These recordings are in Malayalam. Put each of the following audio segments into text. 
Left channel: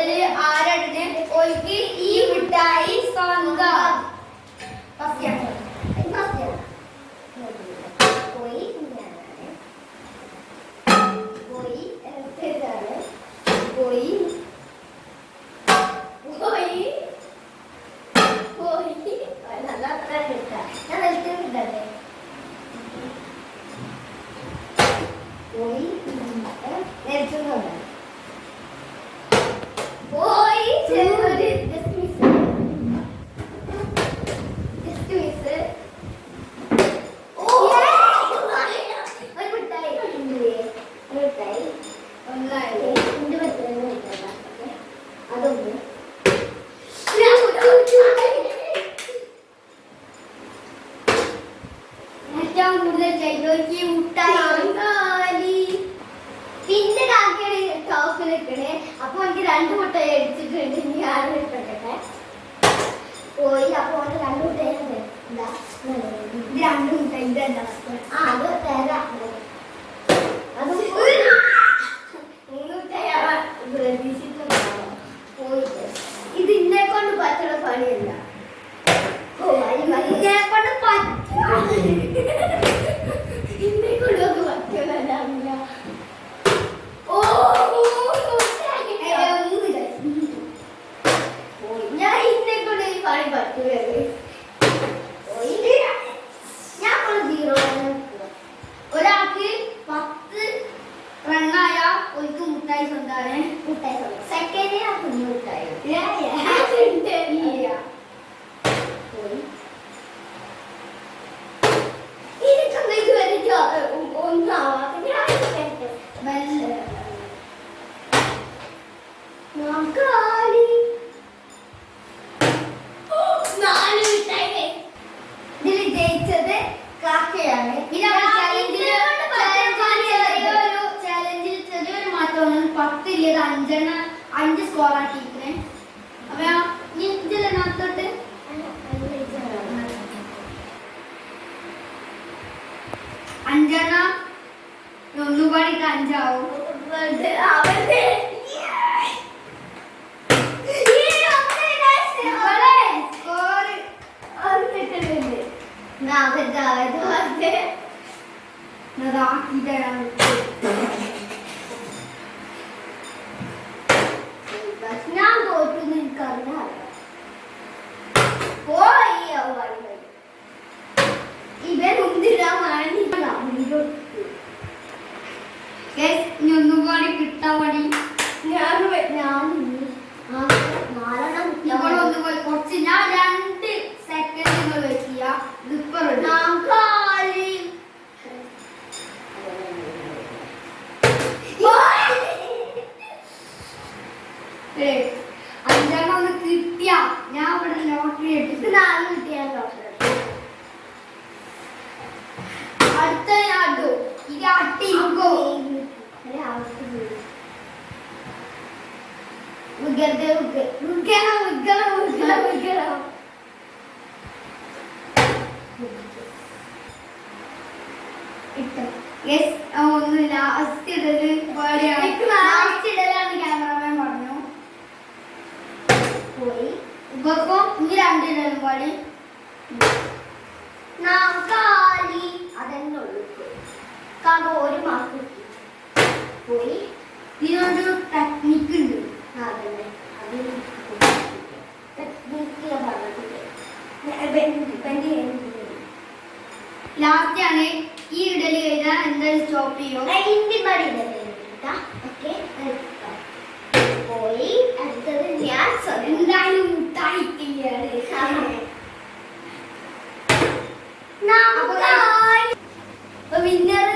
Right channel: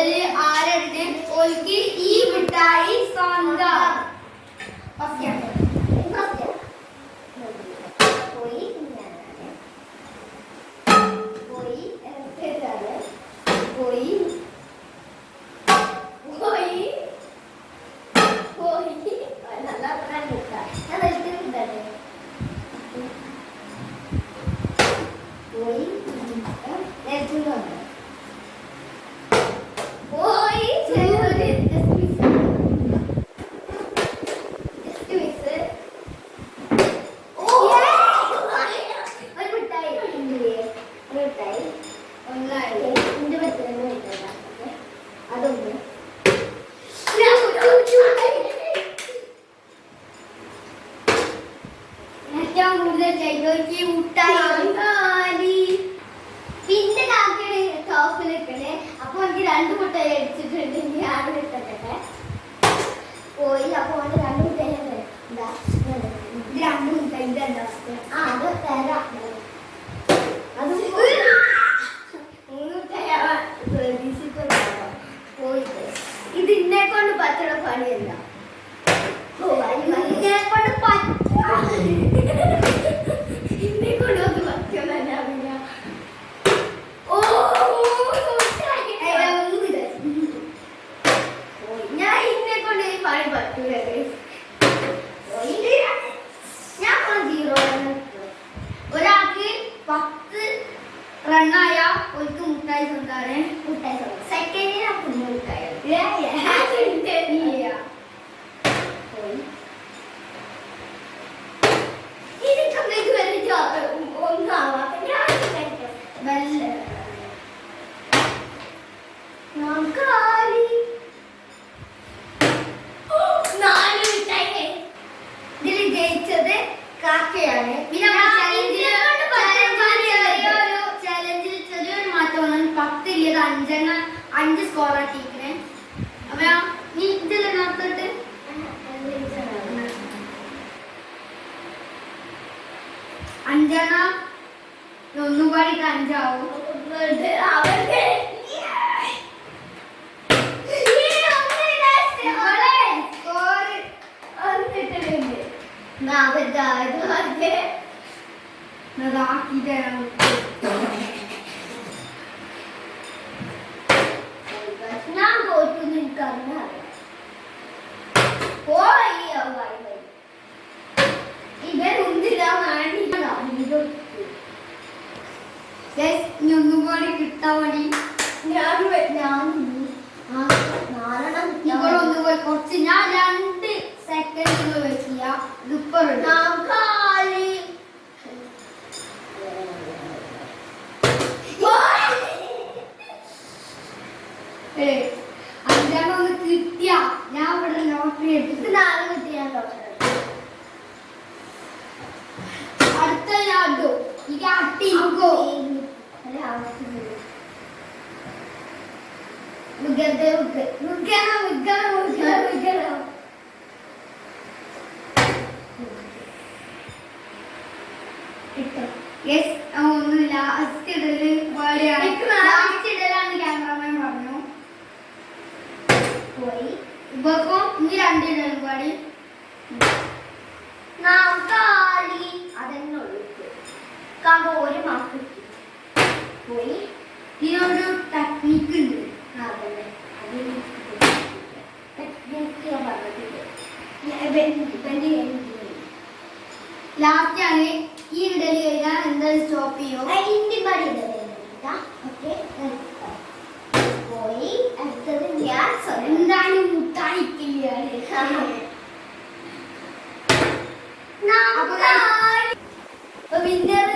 കൂടുതൽ ആരാണ് ഓൽക്ക് ഈ മിഠായി സ്വന്തം. പിന്നെ കാക്കയുടെ ടോപ്പിലിട്ടേ. അപ്പൊ എനിക്ക് 2 മുട്ടായി എടുത്തിട്ടുണ്ട്. ഞാൻ ഇട്ടട്ടെ പോയി. അപ്പൊ അവന് 2 മുട്ടായി 2 മുട്ടായി ഇതെന്താ അത് തരാം. അത് 3 മുട്ടായി പ്രതീക്ഷിച്ചിട്ടുണ്ടാവോ പോയിട്ട്. ഇത് ഇന്നെ കൊണ്ട് പറ്റുന്ന പണിയല്ല. ഇന്നെ കൊണ്ട് ഇന്നെ കൊണ്ടൊന്നും പറ്റുന്നില്ല. ഞാൻ ഇന്നെ കൊണ്ട് പണി പറ്റൂലത്. ഞാൻ 0. ഒരാൾക്ക് 10 റണ്ണായ ഒരു മുട്ടായി സ്വന്താണ്. മുട്ടായി സെക്കൻഡിന് കുഞ്ഞു മുട്ടായി ഇതിൽ ജയിച്ചത് കാക്കയാണ്. ചാലഞ്ചിൽ ചെറിയൊരു മാറ്റം 10 ഇല്ലത് 5 സ്കോർ ആക്കിയിരിക്കണേ. അപ്പൊ നീ ഇതിൽ നടത്തിട്ട് 5 ഒന്നുപാടിട്ട് 5 ആവും. ഞാൻ തോറ്റുന്നു. എനിക്കറിയാം ഇവരൊന്നിടാൻ വേണ്ടി ഒന്നുപാടി കിട്ടാൻ വേണ്ടി കുറച്ച് ഞാൻ 2 സെക്കൻഡ് വെച്ചിയ അഞ്ചാമൊന്ന് കിട്ടിയ ഞാൻ ഇവിടെ ലോട്ടറി എടുത്തിട്ട് 4 കിട്ടിയ അടുത്ത ഞാട്ടോ ഇത് അട്ടിക്കോ ഒന്ന് ലാസ്റ്റ് ഇടല് ക്യാമറമാൻ പറഞ്ഞു പോയി. ഇപ്പം ഇനി 2 ഇടലും പാടി അതെന്നുള്ളു. കാക്ക 1 മാർക്ക് പോയി. ഇതിനൊരു ടെക്നിക്ക് ഉണ്ട്. ലാസ്റ്റ് ആണ് ഈ ഇടലി കഴിഞ്ഞാൽ എന്തായാലും സ്റ്റോപ്പ് ചെയ്യോ. പോയി അടുത്തത് ഞാൻ എന്തായാലും മുട്ടായിട്ടില്ലാണ്. വിന്നർ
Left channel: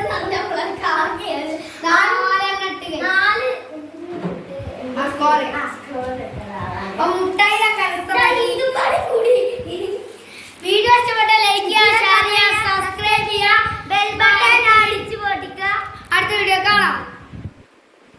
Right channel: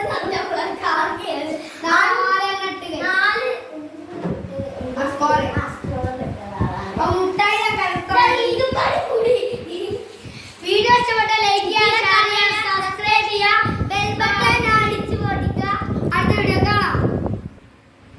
കാർക്കയാണ്.